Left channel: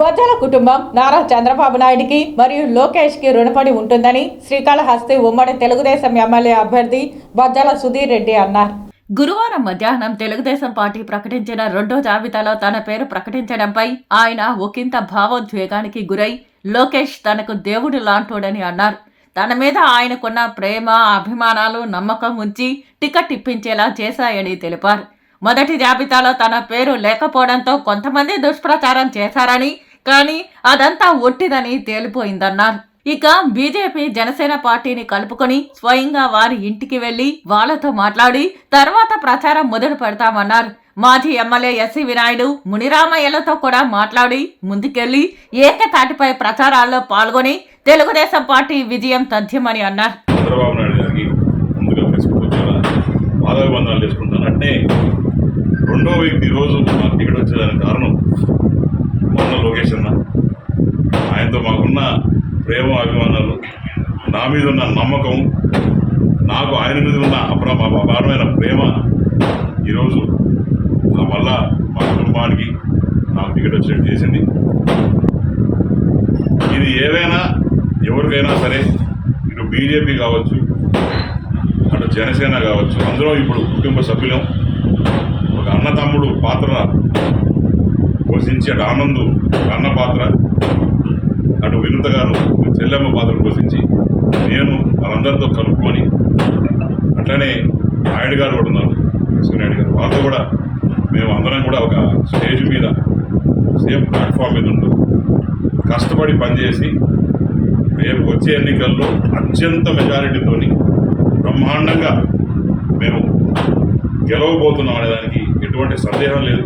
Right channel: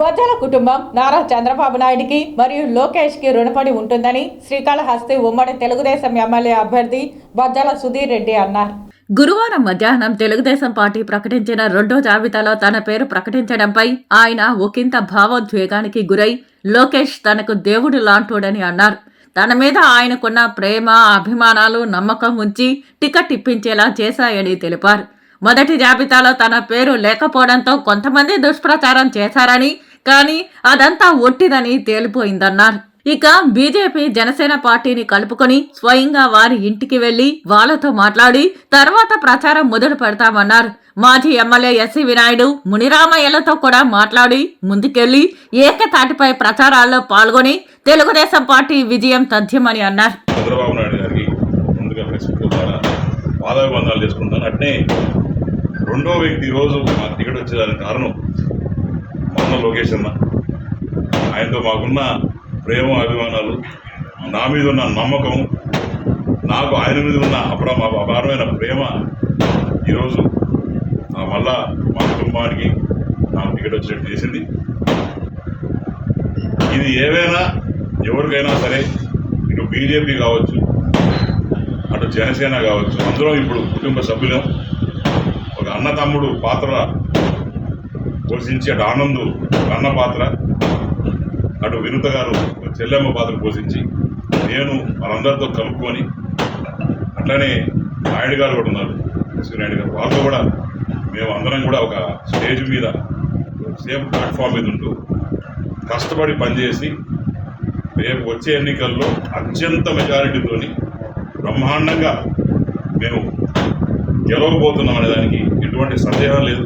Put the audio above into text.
బొజ్జల కుటుంబం నారా చంద్రబాబు నాయుడికి మరియు లోకేష్కి రుణపడి ఉంటుందని శ్రీకాళహస్తి ఉమ్మడి తెలుగుదేశం ఎమ్మెల్యే అభ్యర్థి బొజ్జల సుధీర్ రెడ్డి అన్నారు. గురువారం మధ్యాహ్నం తెలుగుదేశం పార్టీ ప్రకటించిన రెండో జాబితాలో తన పేరు ప్రకటించడంపై ఆయన ఒకంత భావోద్వేగానికి గురై లోకేష్ తనకు దేవుడు లాంటోడని అన్నారు. తన మీద ఆయనకున్న ప్రేమ, అభిమానాలు, నమ్మకం ఉంచి టికెట్ ఇప్పించేలా చేశాయని తెలిపారు. మొదటి జాబితాలో తన పేరు లేకపోవడంతో కొంతమంది దుష్ప్రచారం చేశారని, కానీ అదంతా ఒట్టిదని తేలిపోయిందన్నారు. ఇక బీజేపీ జనసేన పార్టీని కలుపుకొని స్వయంగా వారి ఇంటికి వెళ్లి వాళ్లతో మాట్లాడి తర్వాత ప్రచారం మొదలు పెడతామన్నారు. మాజీ ఎమ్మెల్యే ఎస్సీ వినాయుడు, మునిరామయ్యలతో కూడా మాట్లాడి ముందుకెళ్లి ఏకతాటిపై ప్రచారాల్లో పాల్గొని తెలుగుదేశం పార్టీ విజయం తథ్యమని అన్నారు. చంద్రబాబు నాయుడు గారికి ముందుగా ఫేస్బుక్ ద్వారా పాదాభివందనాలు చేసుకుంటాను. అట్నే రెండో వ్యక్తి ఈరోజు మాకు టికెట్ వచ్చేదానికి కారణం మొన్న లోకేష్ అన్న. ఆయనతో మాకున్న ప్రేమ, అభిమానాలు, నా మీద ఉన్న నమ్మకం, నాకు ఆయన మీద ఉన్న అపారమైన ప్రేమ ఈరోజు మళ్ళా మా కుటుంబానికి నాకు టికెట్ వచ్చేట్టు చేసింది. ఇది ఏవైనా ఎవరికైనా సరే, ఇటు బీజేపీ కావచ్చు, అటు జనసేన కావచ్చు, అందరం ఇప్పుడు కుటుంబ సభ్యులం. ఒక అన్న తమ్ముడు పాత్ర పోషించి, అటు ఆనందు అన్న పాత్ర, అటు వినుత గారు చెల్లెమ్మ పాత్ర పోషించి నేను వాళ్ళందరితో కలుపుకొని, అట్లనే నాయుడు గారు కూడా ఉన్నారు, ఎస్వి నాయుడు గారు, వాళ్ళతో కూడా మేము అందరం కూడా ఒక స్టేజ్ మీద సేమ్ ప్లాట్ఫామ్ మీద ఉంటూ కష్టపడి పనిచేసి రేపు వచ్చే ఎన్నికల్లో అత్యంత మెజారిటీతోని బ్రహ్మాండంగా మేము గెలవబోతున్నాం అనే దానికి ఎటువంటి సందేహం లేదు.